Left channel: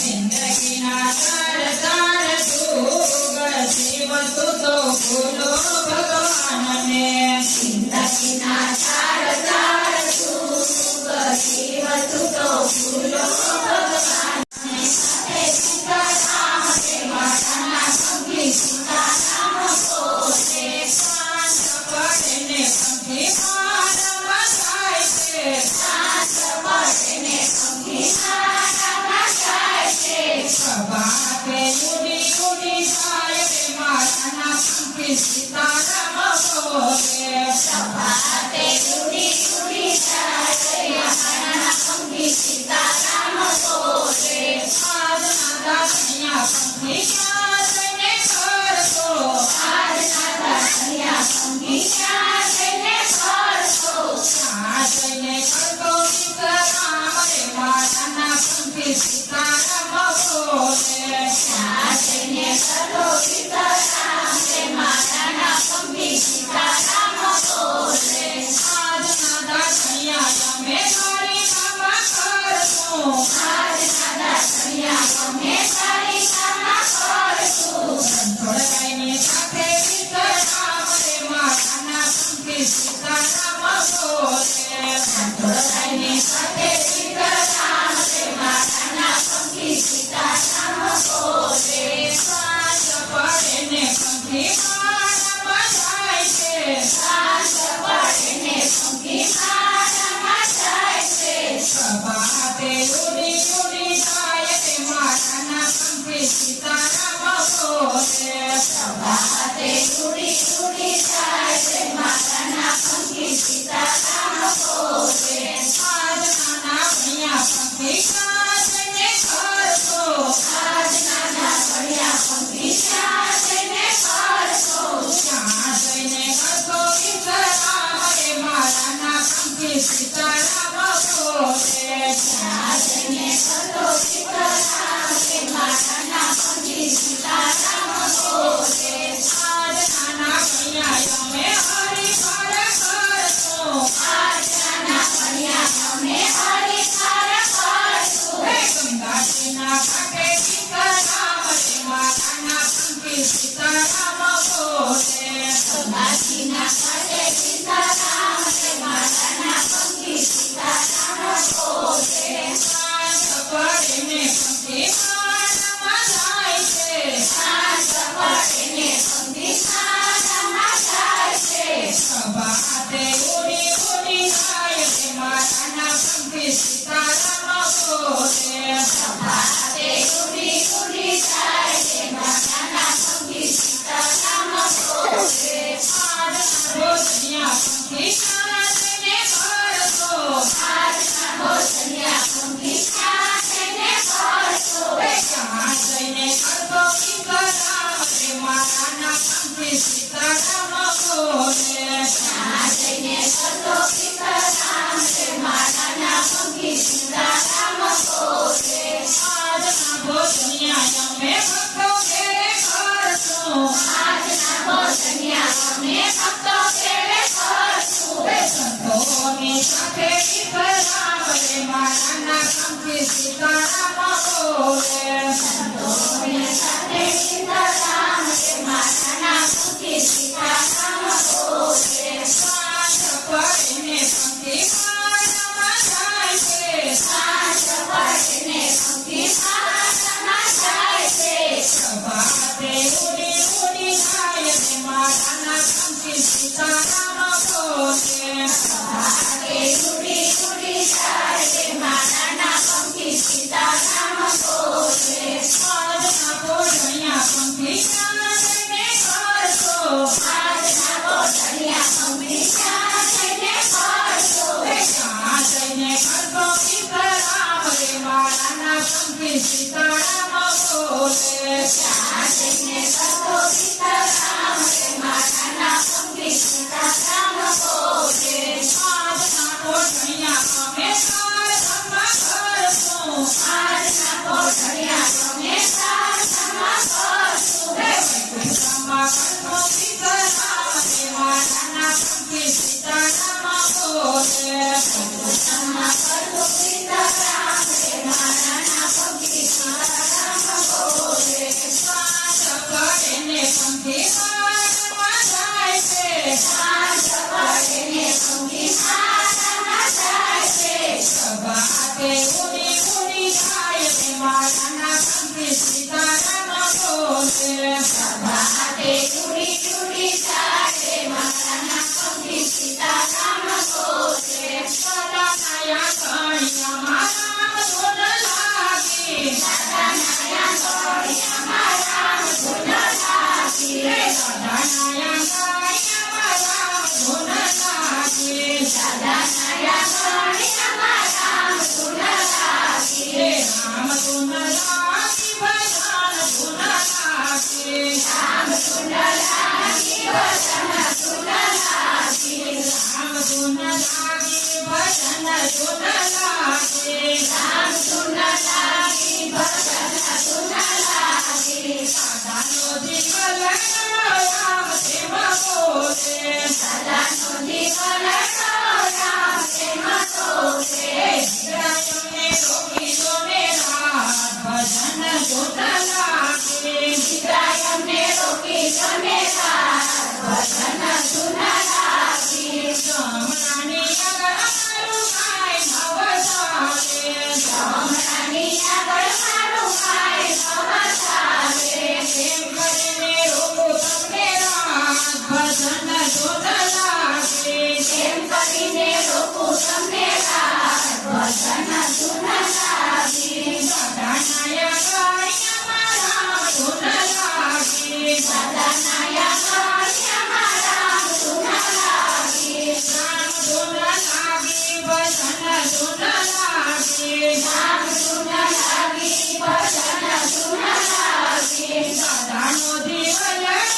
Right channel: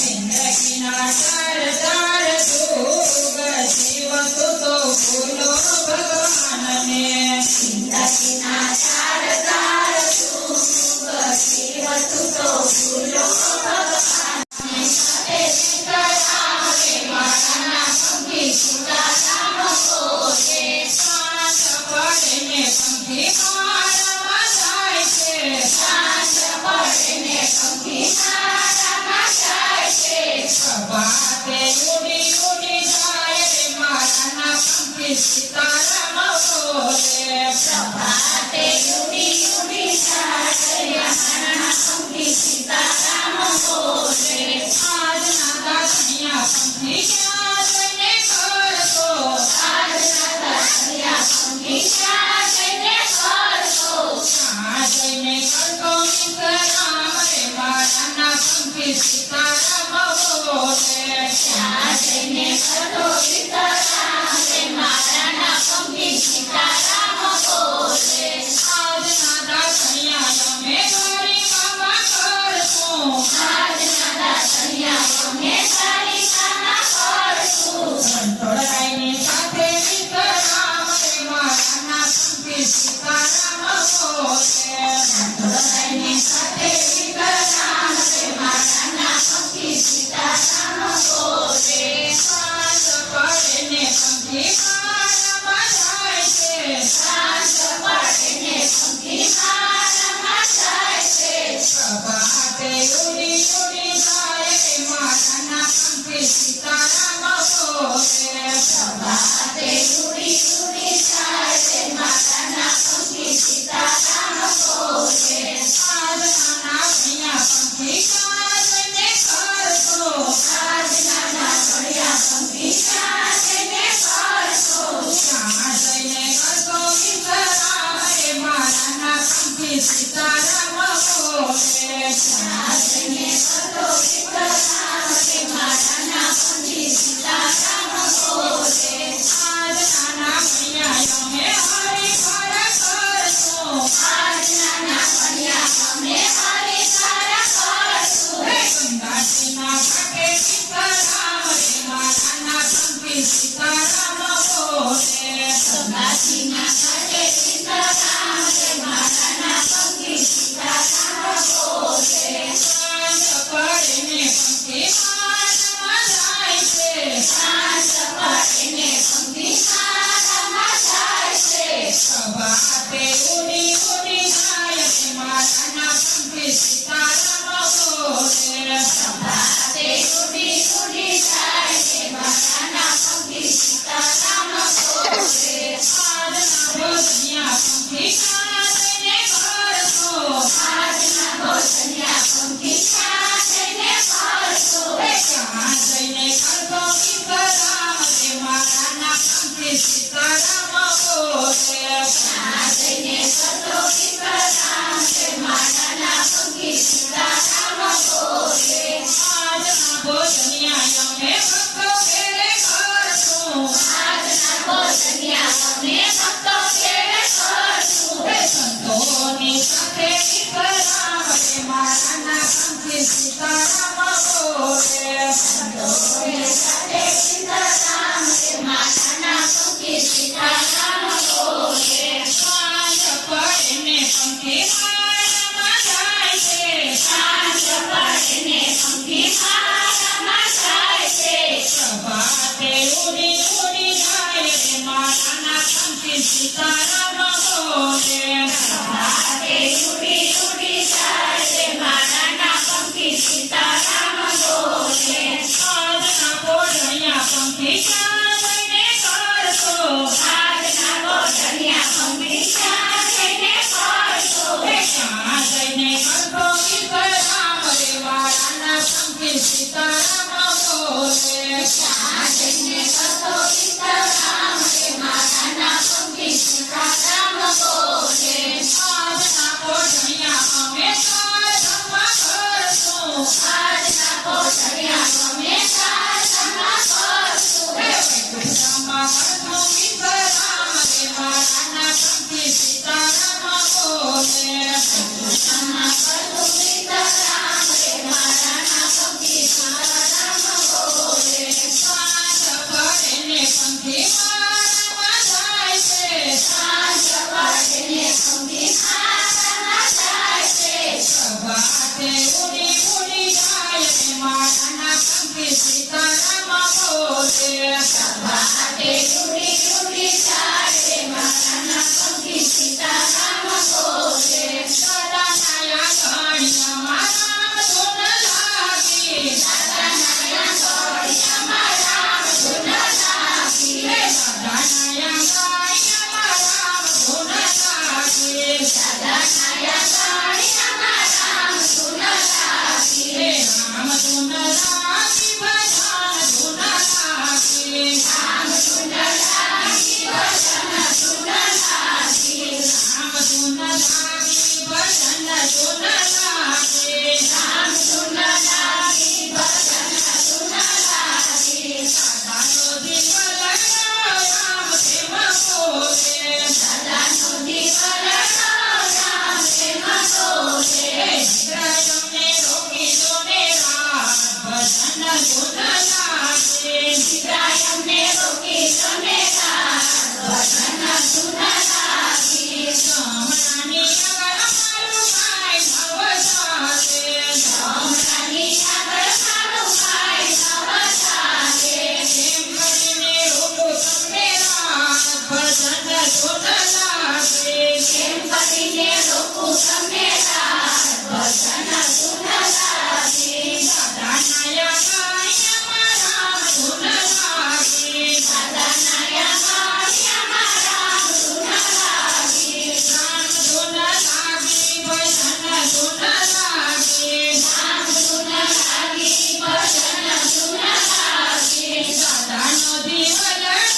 जिंदगीना चार चार जुग जीव तू तो भूलो भगवान ने जिंदगीना चार चार जुग जीव तू तो भूलो भगवान ने सीताराम के माना संगी सीताराम को दे सांस पड़ने पंखी मार मचाए के सांस पड़ने पंखी बाते उड़ी उड़ी जाए रे माना पंखी सीताराम बोले बाते उड़ी उड़ी जाए रे माना पंखी सीताराम बोले आज नादा सैया पंखी क्या देने कर तो आज नादा सैया पंखी क्या देने कर तो आज देने कर तो सीताराम रे माना पंखी सीताराम बोले आज देने कर तो सीताराम रे माना पंखी सीताराम बोले आज नादा सैया में गोरी मामा कर तो आज नादा सैया में सारी कामा कर तो संतोषाई साथे सीताराम रे माना पंखी सीताराम बोले संतोषाई साथे सीताराम रे माना पंखी सीताराम बोले सांस पड़ने पंखी मार मचाए के सांस पड़ने पंखी मार मचाए के बाते उड़ी उड़ी जाए रे माना पंखी सीताराम बोले बाते उड़ी उड़ी जाए रे माना पंखी सीताराम बोले आज नाना भैया पंखी काजने कर तो आज नाना भैया पंखी काजने कर तो काजने कर तो सीताराम रे माना पंखी सीताराम बोले काजने कर तो सीताराम रे माना पंखी सीताराम बोले आज नाना भैया में हरि कर तो आज नाना भैया में हरि कर तो गंगा ना घाटे सीताराम रे माना पंखी सीताराम बोले गंगा ना घाटे सीताराम रे माना पंखी सीताराम बोले सांस पड़ने पंखी मार मचाए के सांस पड़ने पंखी मार मचाए के बाते उड़ी उड़ी जाए रे माना पंखी सीताराम बोले बाते उड़ी उड़ी जाए रे माना पंखी सीताराम बोले आज ना भोजनिया पंखी काजने कर तो आज ना भोजनिया पंखी काजने कर तो जहाँ जने कर तो सीताराम रे माना पंखी सीताराम बोले जहाँ जने कर तो सीताराम रे माना पंखी सीताराम बोले आज ना भोजनिया में भक्तों के कर तो आज ना भोजनिया में भक्तों के कर तो संतों ने साथे सीताराम रे माना पंखी सीताराम बोले संतों ने साथे सीताराम रे माना पंखी सीताराम बोले सांस पड़ने पंखी मार मचाए के सांस पड़ने पंखी मार मचाए के बाते उड़ी उड़ी जाए रे माना पंखी सीताराम बोले बाते उड़ी उड़ी जाए रे माना पंखी सीताराम बोले आज ना भोजनिया पंखी काजने कर तो आज ना भोजनिया पंखी काजने कर तो काजने कर तो सीताराम रे माना पंखी सीताराम बोले काजने कर तो सीताराम रे माना पंखी सीताराम बोले आज ना भोजनिया में सार धर्म कर तो आज ना भोजनिया में सार धर्म कर तो धर्म कर तो सीताराम रे माना पंखी सीताराम बोले धर्म कर तो सीताराम ધૂન લાગી રામ ધૂન લાગી ભજન ધૂન લાગી સાધાનો દિવલ રામ પ્રેમ બોલે સાધાનો દિવલ રામ પ્રેમ બોલે વિદ્રાયમને રોકી જોને રાત ભજન ધૂન લાગી વિદ્રાયમને રોકી જોને રાત ભજન ધૂન લાગી જમણાની આગળ મારું ભાઈ ભવ ચાલે જમણાની આગળ મારું ભાઈ ભવ ચાલે કેમ કરીને રોકું તમને રાત ભજન ધૂન લાગી કેમ કરીને રોકું તમને રાત ભજન ધૂન લાગી સાધાનાયા મારા ધૂન લાગી રામ ધૂન લાગી ભજન ધૂન લાગી રામ ધૂન લાગી ભજન ધૂન લાગી સાધાનો દિવલ રામ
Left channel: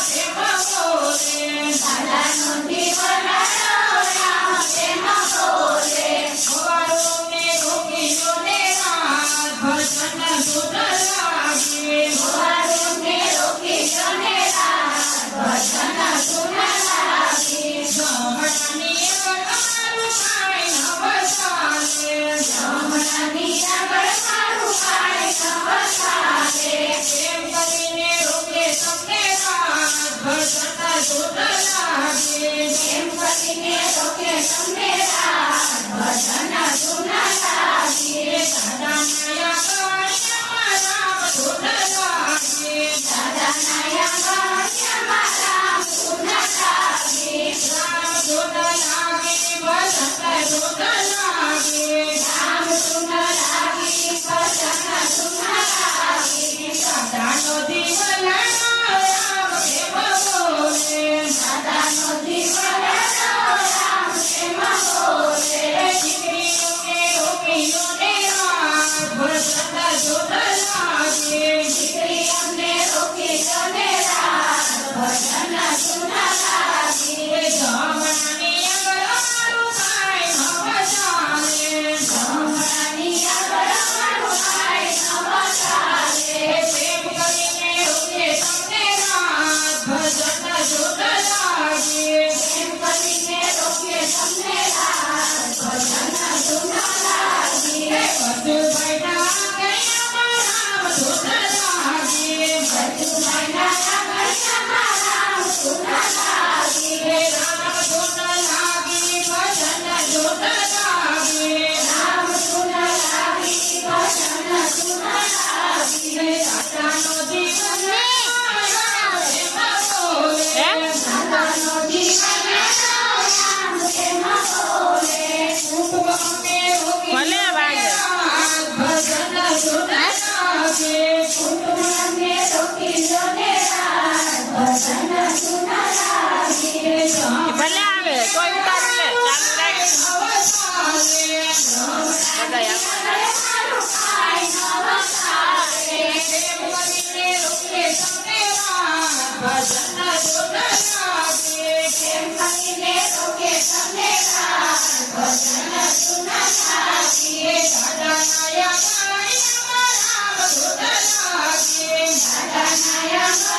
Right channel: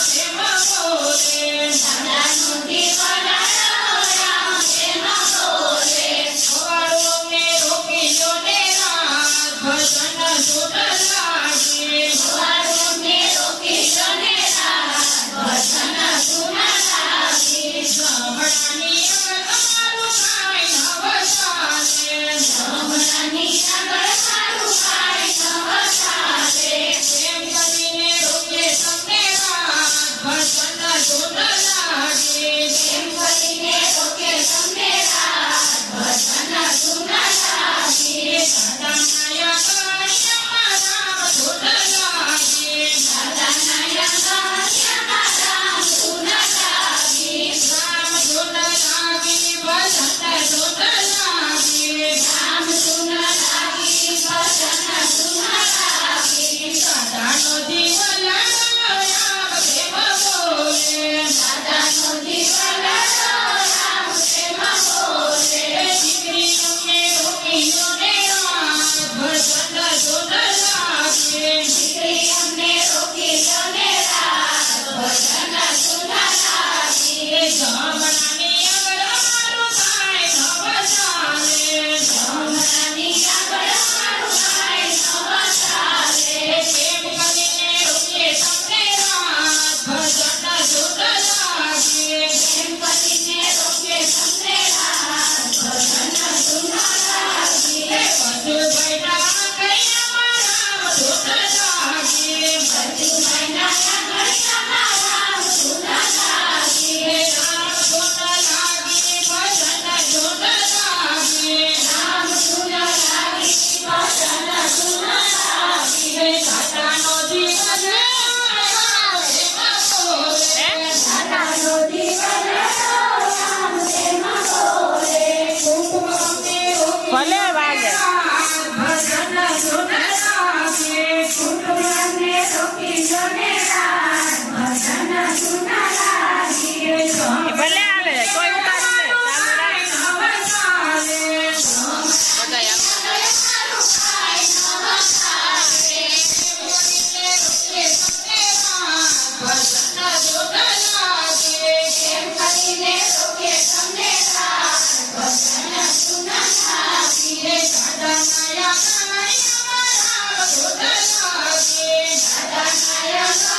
પ્રેમ બોલે સાધાનો દિવલ રામ પ્રેમ બોલે હવારોને રોકી જોને રાત ભજન ધૂન લાગી હવારોને રોકી જોને રાત ભજન ધૂન લાગી જમણાની આગળ મારું ભાઈ ભવ ચાલે જમણાની આગળ મારું ભાઈ ભવ ચાલે કેમ કરીને રોકે તમને રાત ભજન ધૂન લાગી કેમ કરીને રોકે તમને રાત ભજન ધૂન લાગી સાધાનાયા મારા ધૂન લાગી સાધાનાયા મારા ધૂન લાગી રામ ધૂન લાગી ભજન ધૂન લાગી રામ ધૂન લાગી ભજન ધૂન લાગી સાધાનો દિવલ રામ પ્રેમ બોલે સાધાનો દિવલ રામ પ્રેમ બોલે દીકરીઓને રોકી જોને રાત ભજન ધૂન લાગી દીકરીઓને રોકી જોને રાત ભજન ધૂન લાગી જમણાની આગળ મારું ભાઈ ભવ ચાલે જમણાની આગળ મારું ભાઈ ભવ ચાલે કેમ કરીને રોકે તમને રાત ભજન ધૂન લાગી કેમ કરીને રોકે તમને રાત ભજન ધૂન લાગી વજુભાઈના આગળ ધૂન લાગી વજુભાઈના આગળ ધૂન લાગી રામ ધૂન લાગી ભજન ધૂન લાગી રામ ધૂન લાગી ભજન ધૂન લાગી સાધાનો દિવલ રામ પ્રેમ બોલે સાધાનો દિવલ રામ પ્રેમ બોલે કુટુંબને રોકી ભલે વાગે ભજન ધૂન લાગી કુટુંબને રોકી જોને રાત ભજન ધૂન લાગી ભલે આવે કોઈ ઉતારી લે ચાલુ રાખ